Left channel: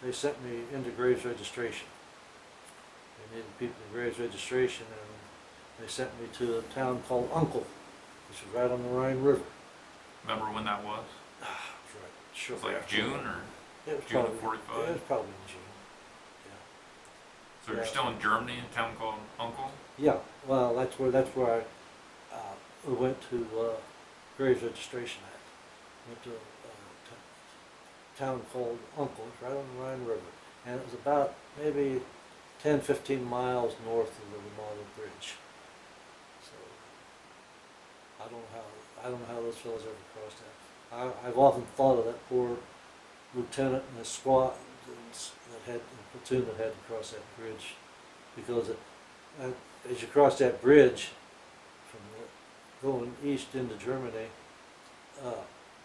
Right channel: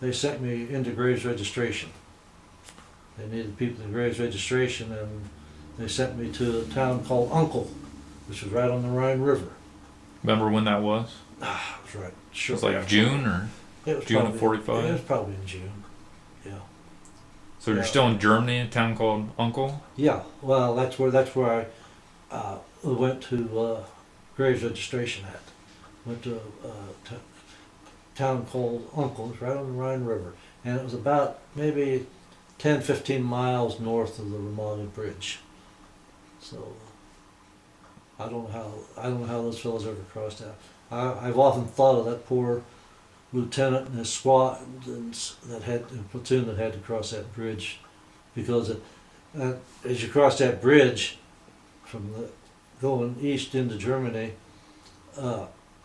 they sent me into graves registration. They needed people in graves registration, and they sent me to a town called Uncle, which was right on the Rhine River. Remember when that was? Ah, it was right. It Sure. was like June or It was June probably of '45. It was probably in June. Yeah. So you're Yeah. still in Germany, in a town called Uncle. Yeah. Well, that's where I went to graves registration at. Went to a town called Uncle, it's right on the Rhine River, and it was about maybe 10, 15 miles north of the Romano Bridge. So I don't know how those fellows ever crossed that. I've often thought of that poor lieutenant and his squad that had a platoon that had to cross that bridge, because as you cross that bridge from going east into Germany,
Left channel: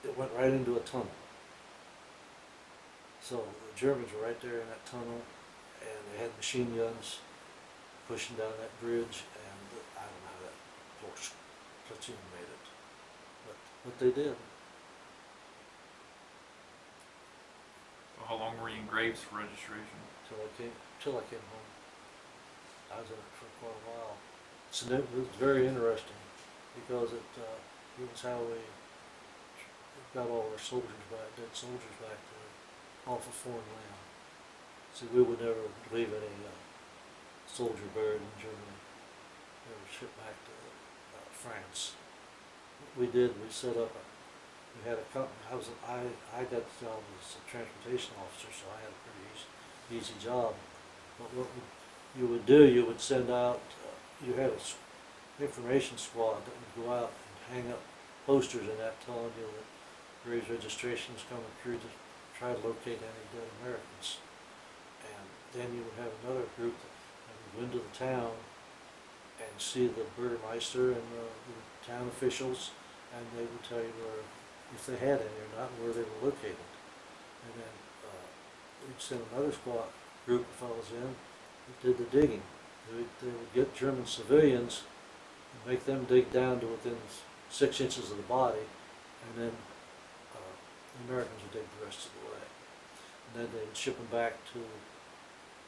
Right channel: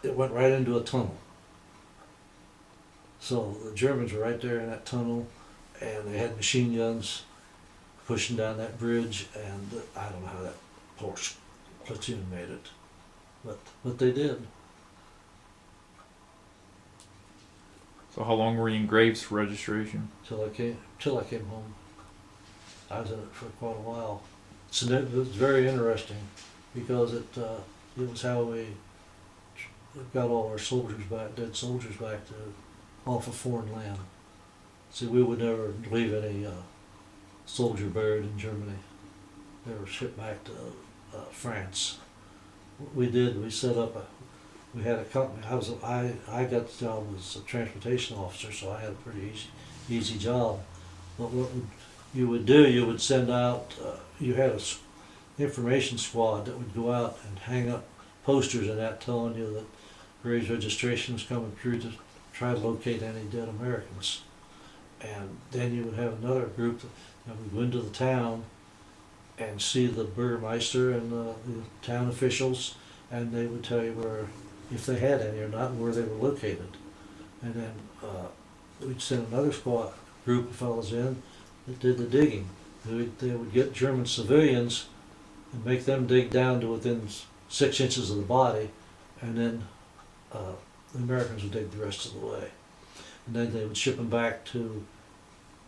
it went right into a tunnel. So the Germans were right there in that tunnel, and they had machine guns pushing down that bridge, and I don't know how that poor platoon made it, but they did. So how long were you in Graves for registration? Till I came home. I was in it for quite a while. So it was very interesting, because it was how we got all our soldiers back, dead soldiers back to off of foreign land. See, we would never leave any soldier buried in Germany. They were shipped back to France. We did. We set up we had a company. I got the job as a transportation officer, so I had a pretty easy job. But what you would do, you would send out. You had a information squad that would go out and hang up posters and that telling you that graves registration is coming through to try to locate any dead Americans. And then you would have another group that would go into the town and see the burgermeister and the town officials, and they would tell you where, if they had any or not, where they were located. And then we'd send another squad group of fellows in that did the digging. They would get German civilians and make them dig down to within 6 inches of the body, and then the Americans would dig the rest of the way. And then they would ship them back to,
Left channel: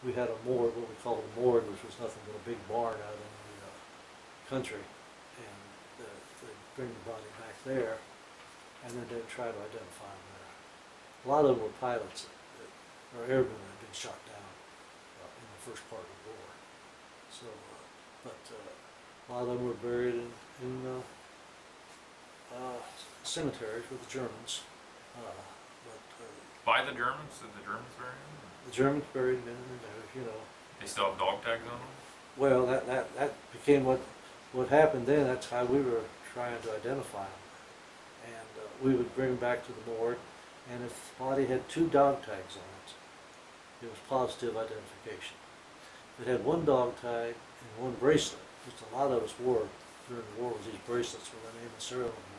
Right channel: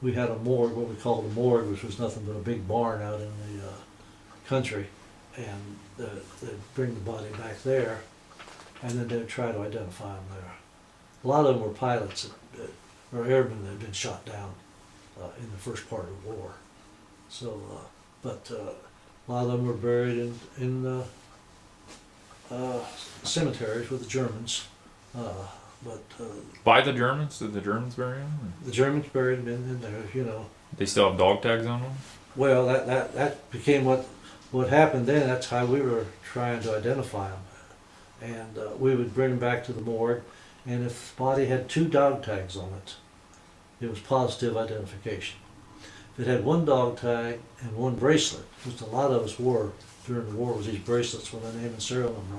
we had a morgue, what we called a morgue, which was nothing but a big barn out in the country, and they'd bring the body back there, and then they'd try to identify them there. A lot of them were pilots or airmen that had been shot down in the first part of the war. So, but a lot of them were buried in cemeteries with the Germans. By the Germans? Did the Germans bury them? The Germans buried them in there, you know. They still have dog tags on them? Well, that became what happened then. That's how we were trying to identify them. And we would bring them back to the morgue, and if the body had 2 dog tags on it, it was positive identification. If it had 1 dog tag and 1 bracelet, which a lot of us wore during the war, was these bracelets with a name and serial number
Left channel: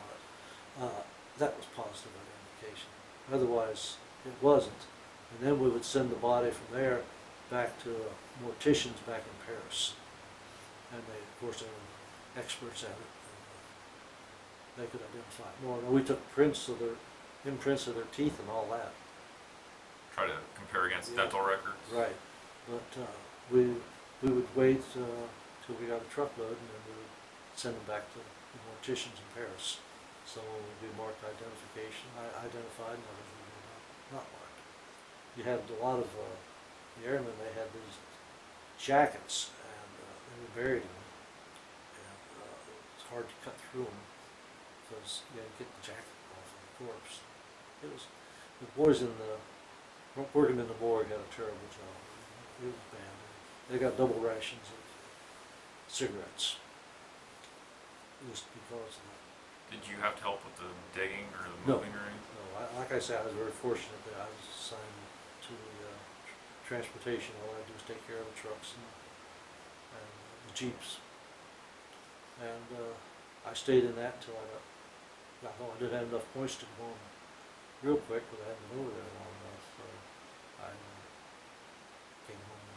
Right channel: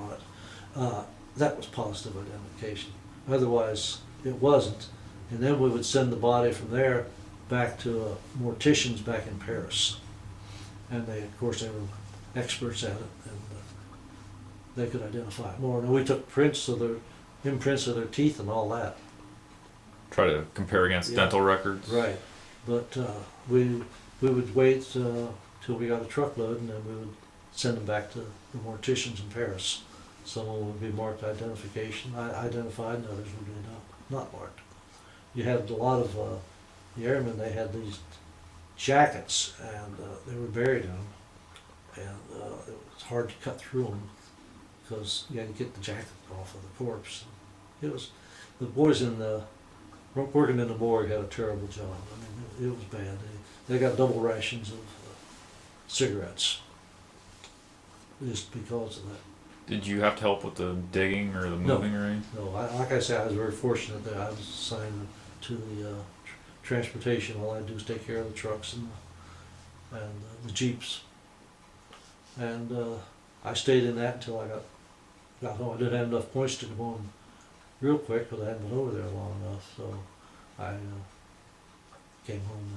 on it, that was positive identification. Otherwise, it wasn't. And then we would send the body from there back to morticians back in Paris. And they, of course, they were experts at it, and they could identify it more. And we took imprints of their teeth and all that. Try to compare against Yeah. dental records? Right. But we would wait till we got a truckload, and then we would send them back to the morticians in Paris. Some of them would be marked identification, identified, and others would be not marked. You had a lot of the airmen, they had these jackets, and they were buried in them, and it was hard to cut through them because you had to get the jacket off of the corpse. It was, the boys working in the morgue had a terrible job. I mean, it was bad. They got double rations of cigarettes just because of that. Did you have to help with the digging or the No. moving or anything? No, like I said, I was very fortunate that I was assigned to the transportation. All I do is take care of the trucks and the jeeps. And I stayed in that until I got home. I didn't have enough points to go home real quick, but I hadn't been over there long enough, so I came home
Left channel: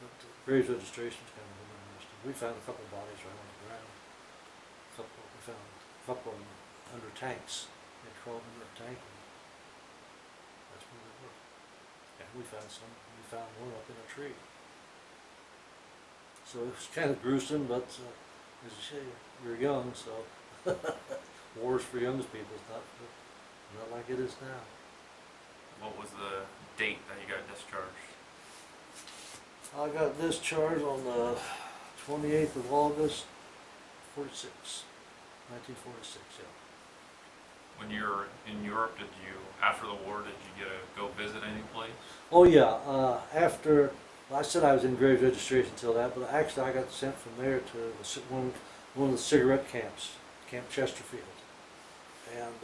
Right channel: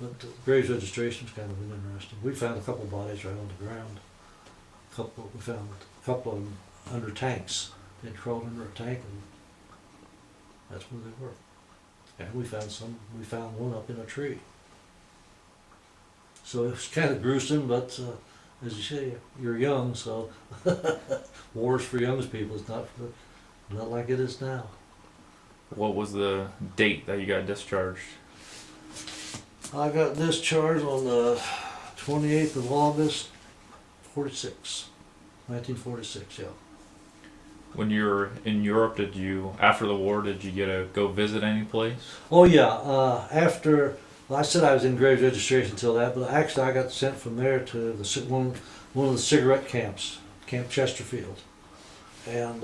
then. But graves registration is kind of interesting. We found a couple bodies right on the ground. We found a couple of them under tanks. They'd crawled under a tank, and that's where they were. And we found one up in a tree. So it was kind of gruesome, but as you say, you're young, so war's for young people. It's not like it is now. What was the date that you got discharged? I got discharged on the 28th of August, 1946, yeah. When you were in Europe, after the war, did you get to go visit any place? Oh yeah, well, I said I was in Graves registration until that, but actually I got sent from there to one of the cigarette camps, Camp Chesterfield. And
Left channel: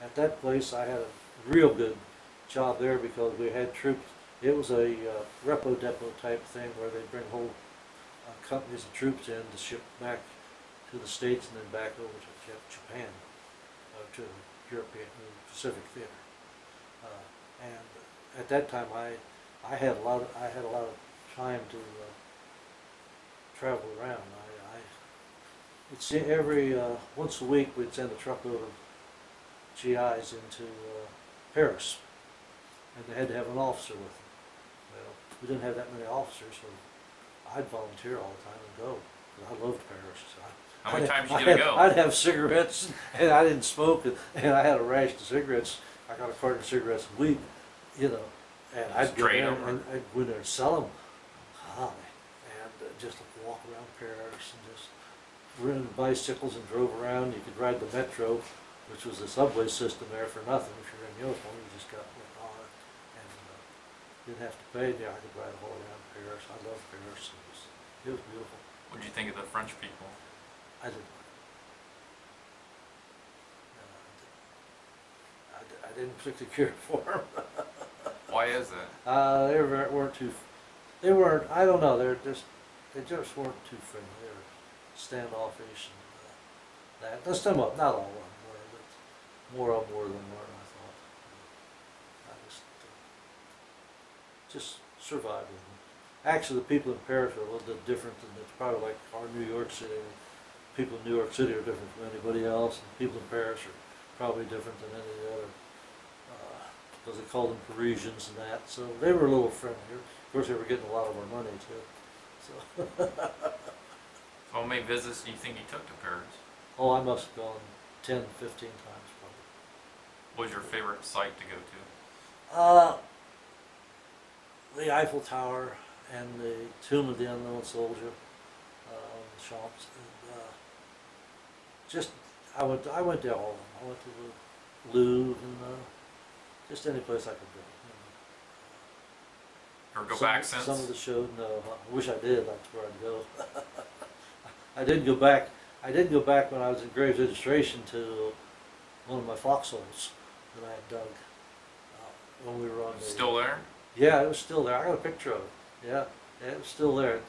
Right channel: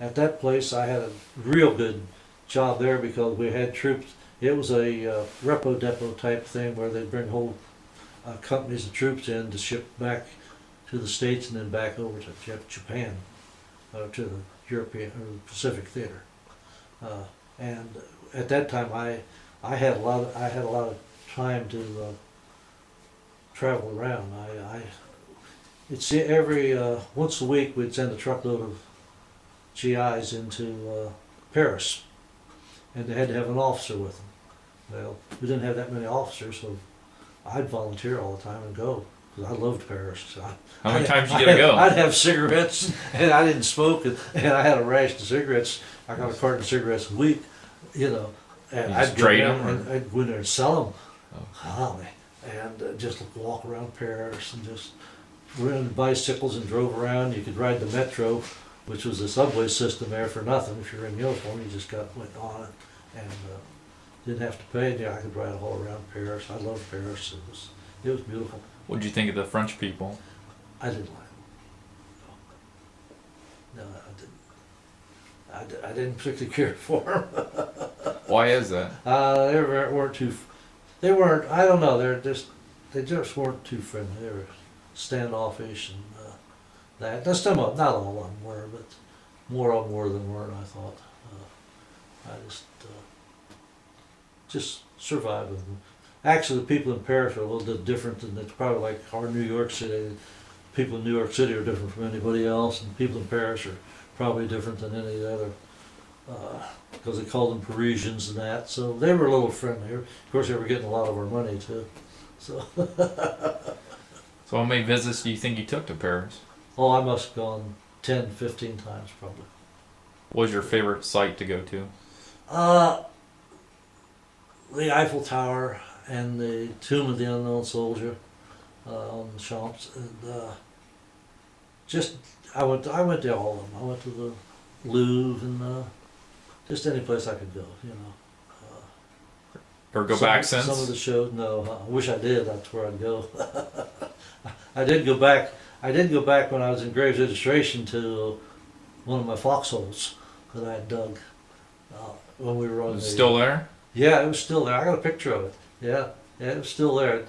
at that place I had a real good job there because we had troops. It was a repo depot type thing where they'd bring whole companies of troops in to ship back to the States and then back over to Japan, to the European or Pacific Theater. And at that time, I had a lot of time to travel around. It's every once a week we'd send a truckload of GIs into Paris, and they had to have an officer with them. Well, we didn't have that many officers, so I'd volunteer all the time and go because I loved Paris. So How many times did you get to go? I'd have cigarettes, and I didn't smoke, and I had a ration of cigarettes. I got a carton of cigarettes a week, and You I'd just go trade there them, and I'd go in there and sell them. Golly. And just walk around Paris and just rented bicycles and drove around. You could ride the metro, which was a subway system there for nothing. If you're in uniform, you just went on it and didn't have to pay. Yeah, I could ride all around Paris. I loved Paris. It was beautiful. What did you think of the French people? I didn't like them. No, I didn't particularly care for them. Why is that? They weren't too. They weren't. I don't know. They just weren't too friendly. They were standoffish and that. Now, some of, not all of them were, but more of them were than weren't. I thought. I just survived with them. Actually, the people in Paris are a little bit different than it's probably like our New York City. People in New York City are different from anybody else, and people in Paris are probably different than any of the other. Because they called them Parisians and that, so they were a little friendlier. Of course, they were getting a lot of our money too. So, So how many visits do you think you took to Paris? oh, I must have gone 10, 15 times probably. What was your favorite site to go to? The Eiffel Tower and the Tomb of the Unknown Soldier on the Champs, and I went to all of them. I went to the Louvre and just any place I could go, Or go back since? Some of the shows, no. I wish I did. That's where I'd go. I did go back. I did go back when I was in Graves registration to one of my foxholes that I had dug when we were on Is the. it still there? Yeah, it was still there. I got a picture of it. Yeah, it was still there.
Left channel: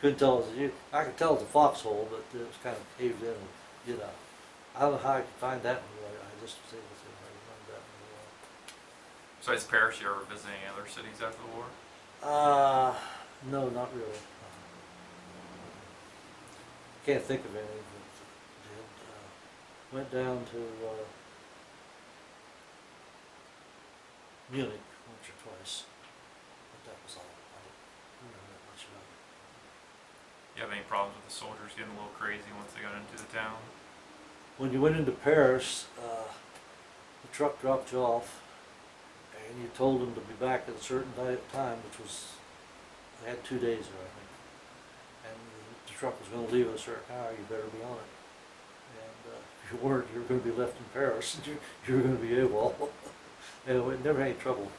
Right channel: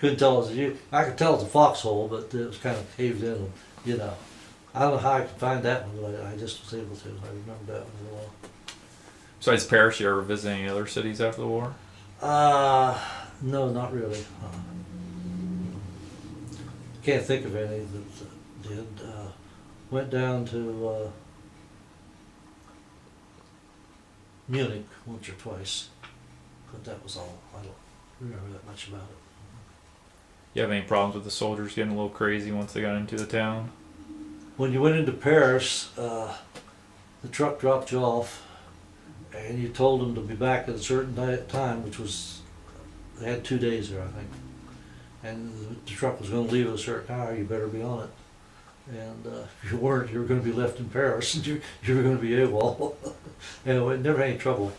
Couldn't tell it was I could tell it's a foxhole, but it was kind of caved in. And, I don't know how I could find that one, but I just was able to. I remember that one well. Besides Paris, you ever visit any other cities after the war? No, not really. Can't think of any that did. Went down to Munich once or twice, but that was all. I don't remember that much about it. You have any problems with the soldiers getting a little crazy once they got into the town? When you went into Paris, the truck dropped you off, and you told them to be back at a certain time, which was, they had 2 days there, I think. And the truck was going to leave at a certain hour, you better be on it. And if you weren't, you were going to be left in Paris, and you were going to be AWOL. Anyway, never had any trouble.